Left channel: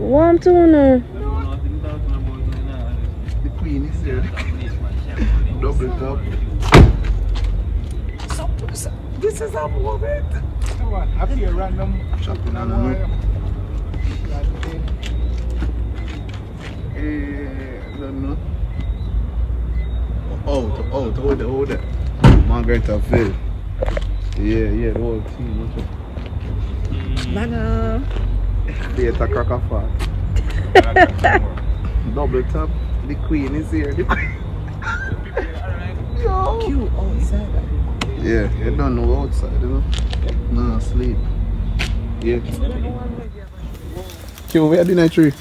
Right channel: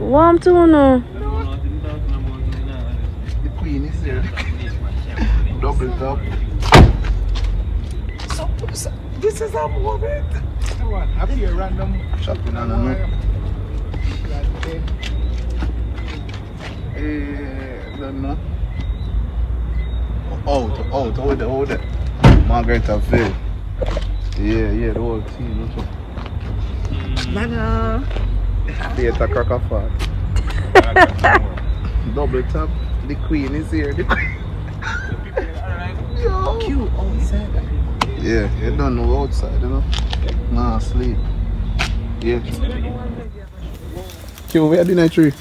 Warm tuna. The queen is here. Double top. So, this is a moment. Have you random shopping on a note? Hold it. Margaritaville. Yeah, the whole team. Yeah, it's a crack of fat. Double top. The queen is here. The queen. Yo. Cute outside. Yeah, you don't know outside, you know. Nah, sleep. Yeah. Q, where the night tree?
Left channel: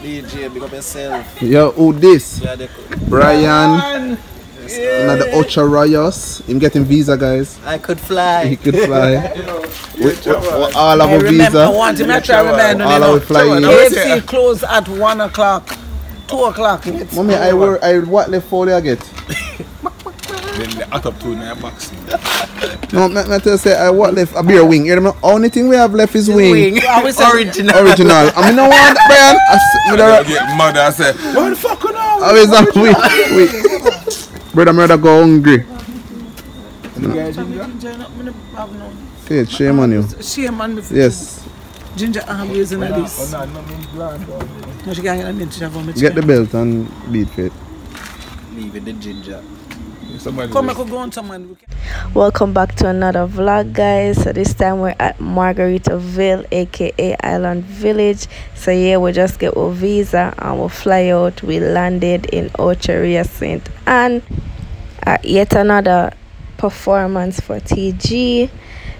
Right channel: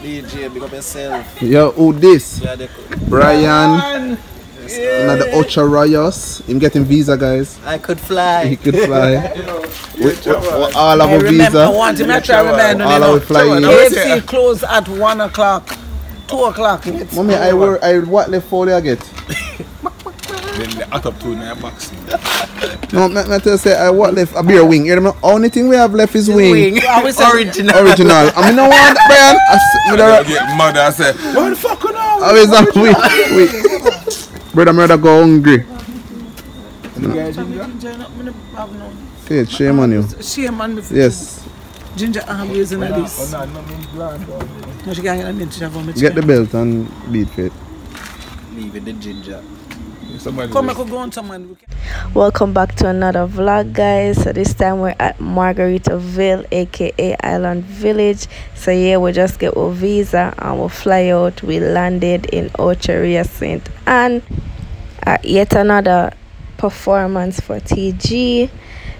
DJ, big up yourself. Yo, who this? Yeah, Brian. Yeah. The Ocho Rios. Him getting visa, guys. I could fly. He could fly. All of our visa. I want him to try to remember. All of fly. AFC close at 1 o'clock. 2 o'clock. Mommy, I what left for I get? Then the hot up to in your box. No, I tell you, say I what left a beer wing. You know, only thing we have left is wing. Original. I mean, no one, Brian. I get mad. I say, what the fuck on now? I was like, wait. Brother, I'm rather go hungry. Okay, shame on you. Shame on me. Yes. Ginger always in this. Get the belt and beat it. Leave it the ginger. Welcome back to another vlog, guys. So this time we're at Margaritaville, aka Island Village. So yeah, we just get our visa and we'll fly out. We landed in Ocho Rios St. Anne at yet another performance for TG.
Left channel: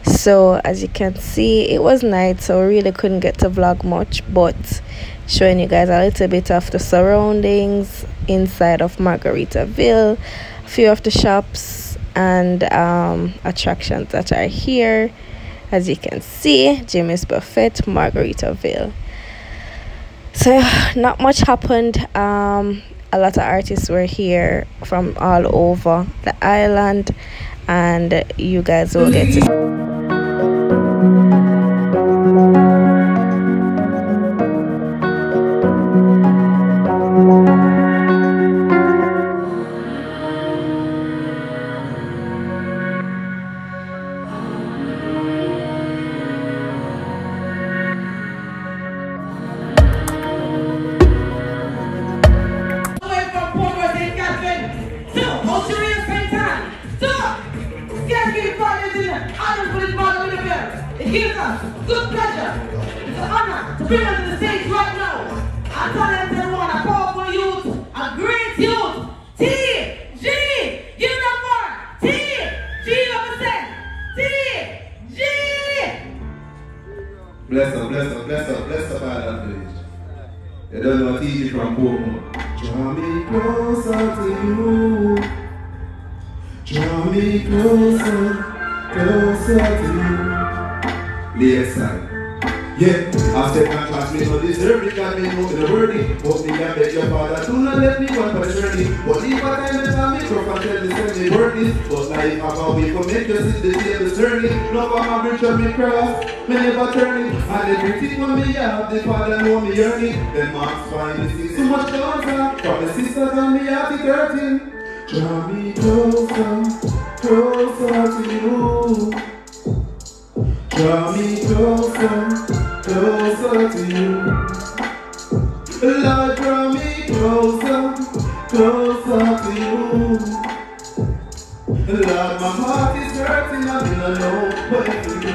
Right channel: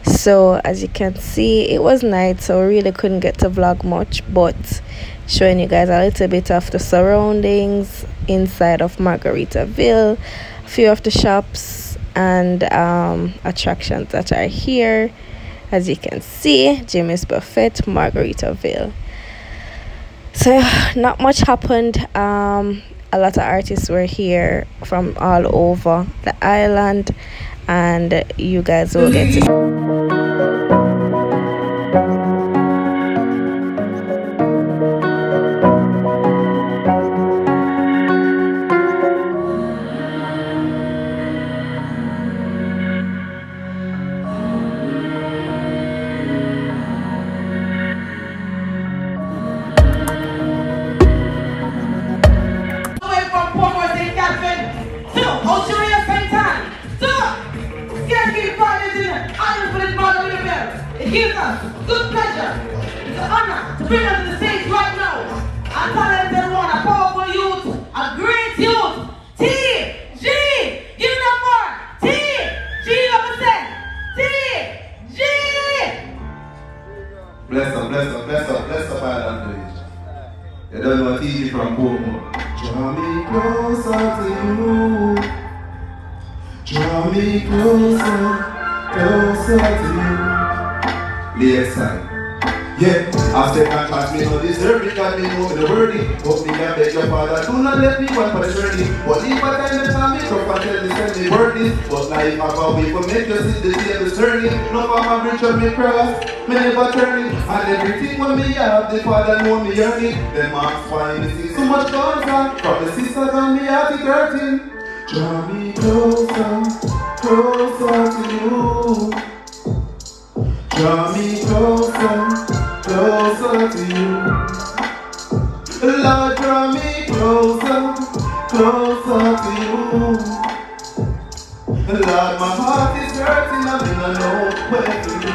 So as you can see, it was night, so we really couldn't get to vlog much, but showing you guys a little bit of the surroundings inside of Margaritaville, a few of the shops and attractions that are here. As you can see, Jimmy's Buffet, Margaritaville. So not much happened. A lot of artists were here from all over the island, and you guys will get to see. Ocho Rios Bay Beach. Skankin Fridayz. It gives us good pleasure. It's an honor to bring us to the stage right now. I tell everyone, a powerful youth, a great youth. TG! Give it up for TG represent. TG! Bless her by that village. You don't know TG from Pomo. Draw me closer to you. Draw me closer to you. The exile. Yeah, I said I trust me, so deserve it, because they know the worthy. Hope me can beg your father, do not let me go on for the journey. But if I can never make up and tell me, send me worthy. But I go away from it, just see the tables turning. No for my bridge of me cross, me never turning. And everything when me have, the father know me yearning. The mom's fine, they see so much going on. From the sisters and me have the curtain. Draw me closer to you. Draw me closer to you. Lord, draw me closer to you. Lord, my heart is hurting and I don't know where to do.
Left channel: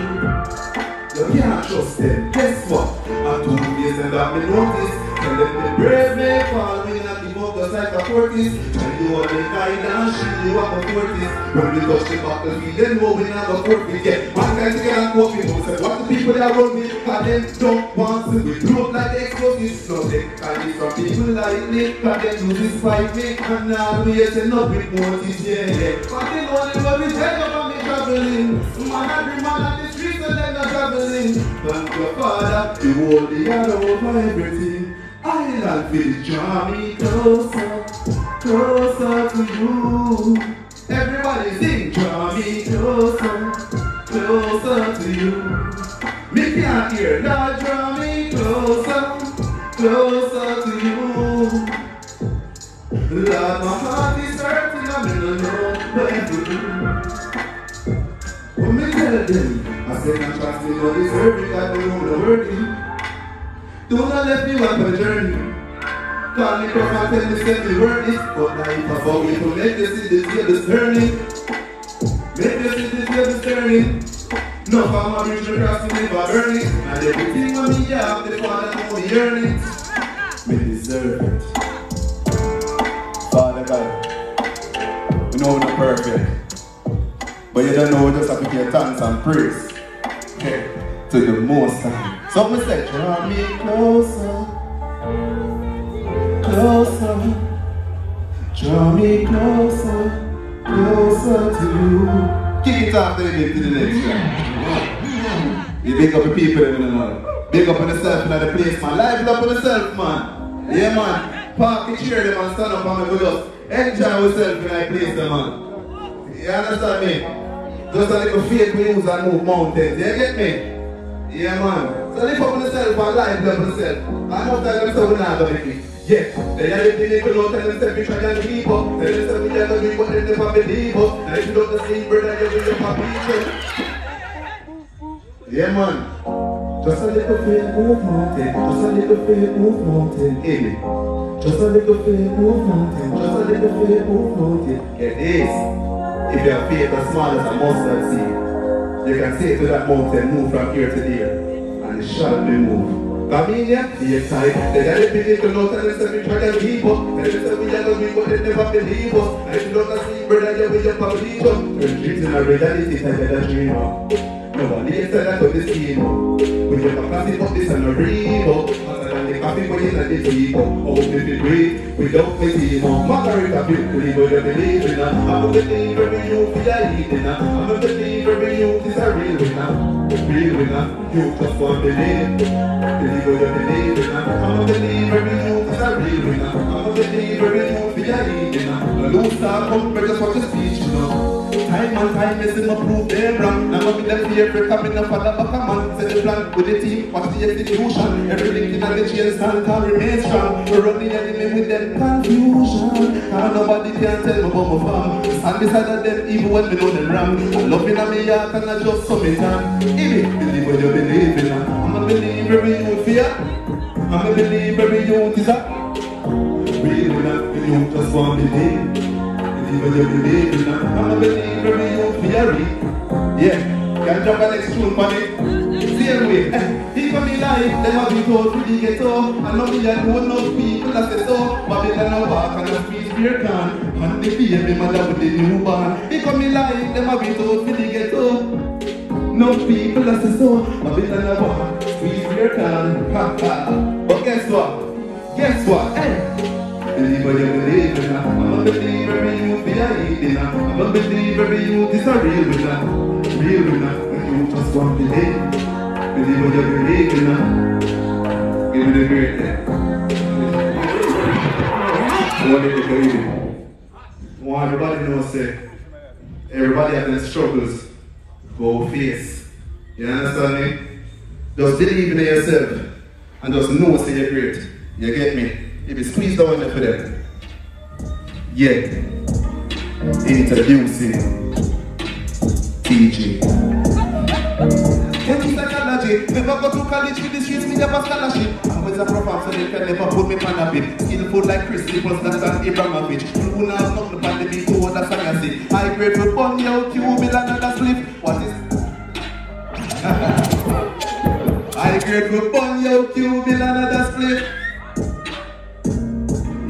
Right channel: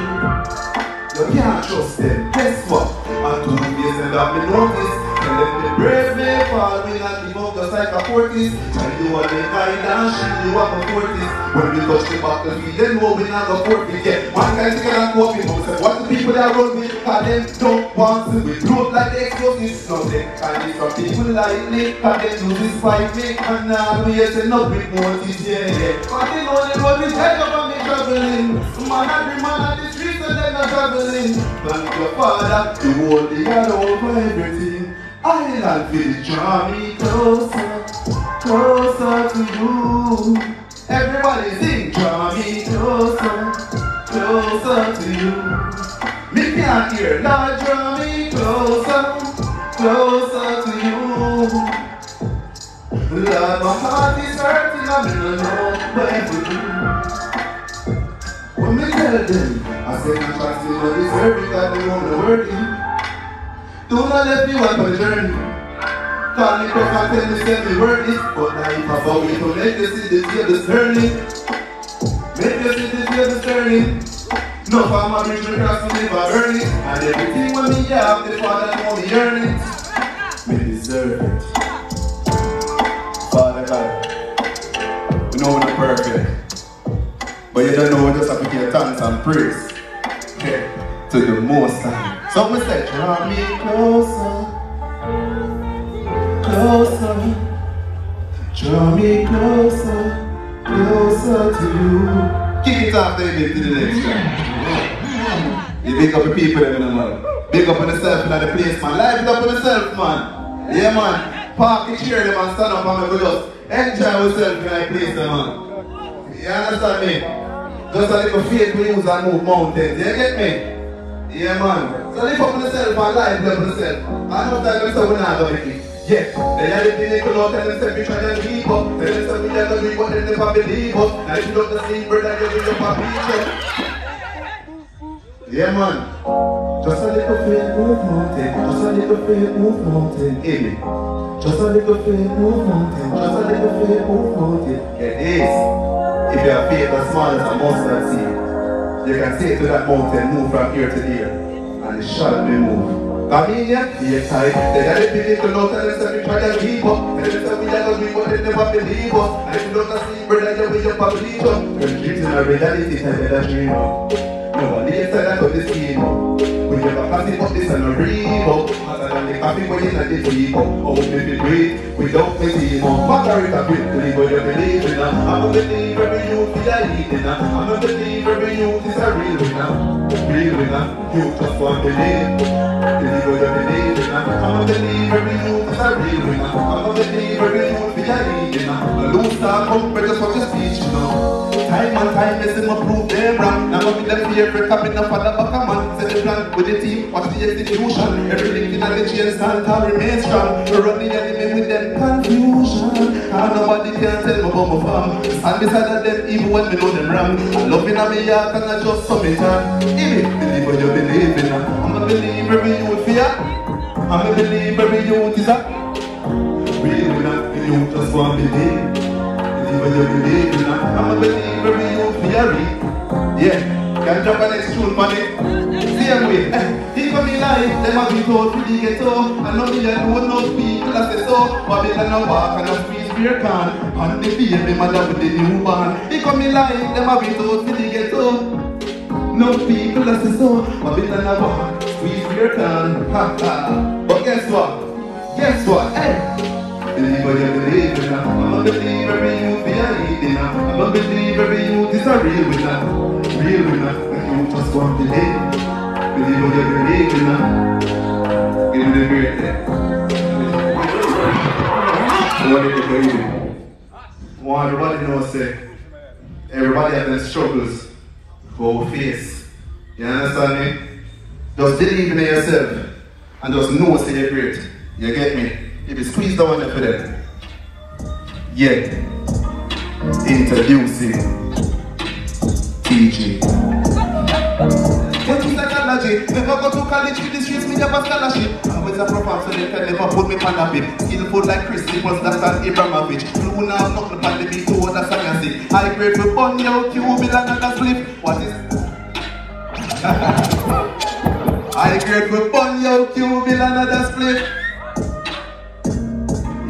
You can't trust them, guess what? And 2 years and I've been noticed. And then the brave may fall, we not give up just like a forties. Tell you what they kind and shit you up a 40s. When we touch the battlefield, then know we not a 40s. Yeah, one guy together and cope me up. Say what the people that run me, cause them don't want to be blood like the explosives. Now they can be some people like me, cause they choose this fight me. And now we say no big notice, yeah. But they know they run me dead up and me traveling. Man, every man on the streets and they not traveling. Thank your father, you hold the hand over everything. Island Village, draw me closer to you. Everybody sing, draw me closer closer to you. Me can't hear, Lord, draw me closer, closer to you. Lord, my heart is hurting, I'm in a long way. When me tell them, I say I'm trusting what is hurt because they won't hurt you. Do not let me walk on the journey. Call me perfect, tell me say me worth it. But life has always to make you see this year this turning. Make you see this year this turning. No farmer reach me cross me never burn it. And everything when me have, the Father know me earn it. Me deserve it. Father God, you know the perfect. But you don't know just have to give thanks and praise. Okay, to the Most High. So I said, draw me closer, closer. Draw me closer, closer to you. Kick it off then to the next one. You big up the people in the Lord. Big up on myself in the place, man. Life it up on myself, man. Yeah, man. Park the chair them and stand up and with us. Enjoy yourself in the place, man. You understand me? Just a little faith we use and move mountains. You get me? Yeah, man. So lift up on yourself and life up on yourself. I know that them say we're not going to be. Yeah. They are the people who tell them we try to keep up. They say we tell them we want them to believe us. And if you don't see brother, you will up a beach. Yeah, man. Just a little faith move mountain. Just a little faith move mountain. Amen. Just a little faith move mountain. Just a little faith move mountain. Get this. If you have faith as small as a mustard seed, you can say to that mountain, move from here to there, and it shall be moved. I mean, yeah, be tight. They are the people who tell us that we try to keep up. They say we are going to but they never believe us. And if you don't see brother, you will just believe us. We're living in a reality, it's a dream. Nobody said that to the scheme. We never pass it up this and a real. As I make happy when you're not the people. Oh, baby, great. We don't make it more. Margaritaville, believe what you believe in. I'm a believer every youth is a leader. I'm a believer every youth is a real winner. Real winner, you just want to believe. Believe what you believe in. I'm a believer every youth is a real winner. I'm a believer every youth is a leader. A loose star from just for the speech, you know. Time and time, listen to prove them wrong. Now we can be every coming up on the back of man. Set the plan with the team, what's the execution? Everything in the chairs, stand tall, remain strong. We're running and living with them confusion. Now nobody can tell them about my farm. Stand beside them even when they know them wrong. Loving on me heart and I just submit on. Believe what you believe in. I'm a believer every youth fear. I'm a believer every youth is a. Real enough, the youth just want to believe. Believe what you believe in. I'm a believer every youth fear. Yeah, can't jump an extreme money. Same way, if I'm in life, then I'll be told to the ghetto. I know me and know no people that say so. But they can walk and I'll squeeze beer can. And the baby mother with the new one. If I'm in life, then I'll be told to the ghetto. No people that say so. But they can walk, squeeze beer can. Ha ha. But guess what? Guess what? Hey! Believe what you believe in. I'm a believer every youth be a leading. I'm a believer every youth is a real winner. Real winner, when you just want to believe. Believe what you believe in. Give me the great thing. What did you believe? Well, everybody knows that everybody has their struggles who face. You understand me? Just believe in yourself and just know that you're great. You get me? If you squeeze down there for them. Yeah. Introducing TG. Get to technology. Never go to college with this use me never scholarship. With a proper so they tell them put me on a bit. Eat food like Christy was that and Abramovich. You will now come to the big two other fantasy. I grade to bunny out, you will be like a sleep. What is I grade with bunny out, you will be like another split.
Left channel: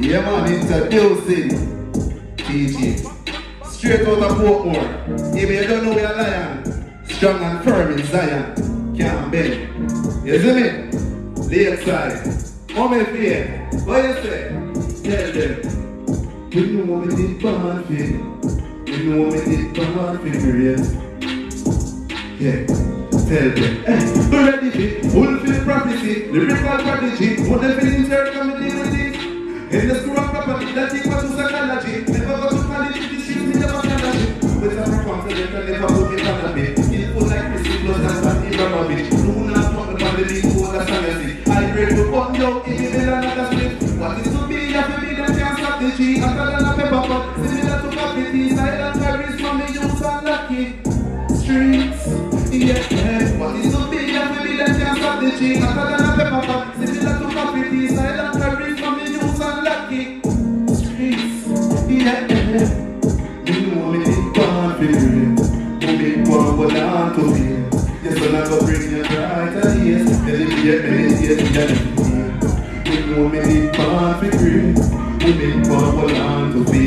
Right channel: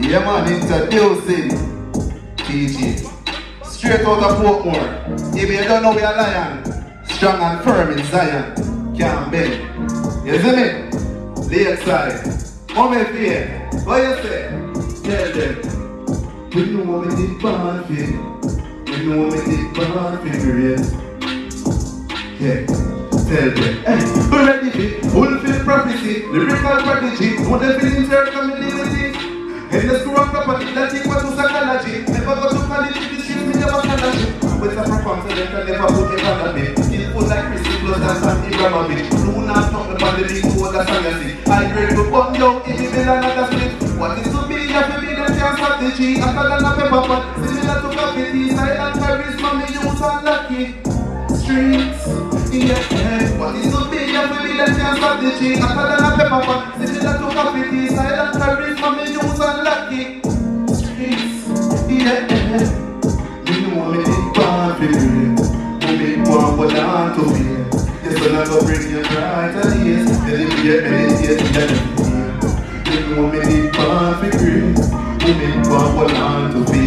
Yeah man, introducing TG. Straight out of Portmore. If you don't know we are lion, strong and firm in Zion, can't bend. You see me? Lakeside. Moment fear. What you say? Tell them. We know we did bad thing. We know we did bad thing. Yeah. Tell them. Hey, we're ready to fulfill prophecy. Lyrical prodigy. What the feelings are coming liberty. And the screw up property, that thing was to psychology. Never go to college, this is me never scholarship. With a performance, they can never put me on a day. like Christy Plus and Santi Gramovich. Do not talk about the league for the fantasy. I pray to come down if you tell another thing. What is to be, you have to be the same strategy. After the pepper pot, similar to coffee tea, silent carries from the youth and lucky. Streets, yeah, what is to be, you have to be the same strategy. After the pepper pot, similar to coffee tea, silent carries from the youth and lucky. Streets, yeah. But I want to be. Yes, but I go bring you brighter days. Yeah. You know me need coffee free. You need coffee on to be.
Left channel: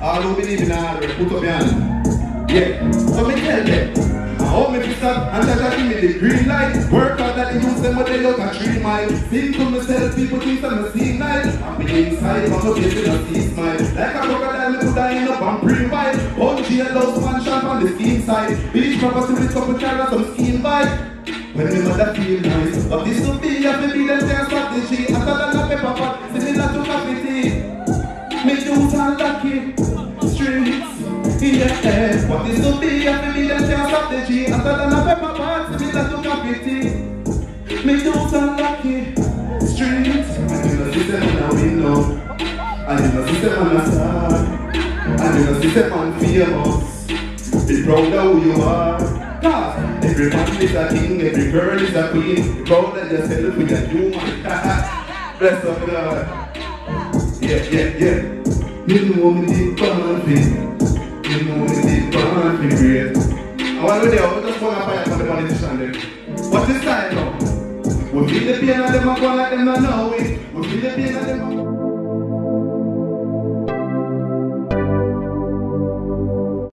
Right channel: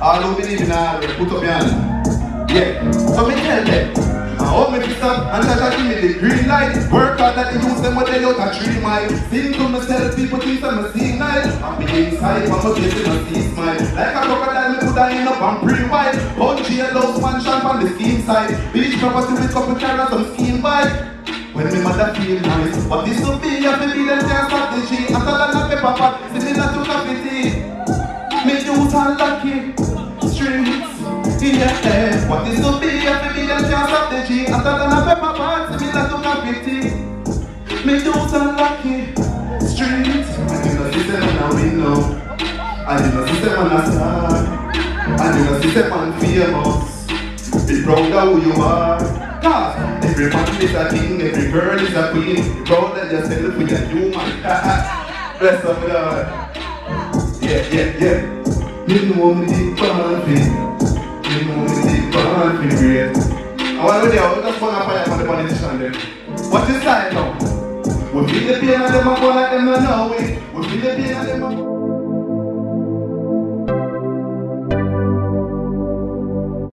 All who believe in all, put up your hand. Yeah, so me tell them. I hope me fix up and touch give me the green light. Work out that they use them when they look at 3 miles. Sing to myself, people think I'm a sing night. I'm being inside, I'm a baby, I'm a smile. Like a crocodile, me put a in up and pre-mile. Punchy a those one shot on the steam side. Beach droppers to the couple carrots, some steam vibe. When me mother feel nice. But this will be a baby, them can't stop the G. I thought I got pepper pot, sitting down to coffee tea. Make you all lucky. Streets, yeah. But this will be a baby, them can't stop the G. I thought I got pepper pot, sitting down to coffee tea. Make you all lucky. Streets, I know this is when I win now. I know this is when I stand. I know this is when famous. Be proud of who you are. God, every man is a king, every girl is a queen. Proud of yourself with a human. Bless up God. Yeah. You know me deep party. You know me deep party, great. I want to know, we just want to find out the politician then. What's this time now? We feel the pain of them, I go like them now.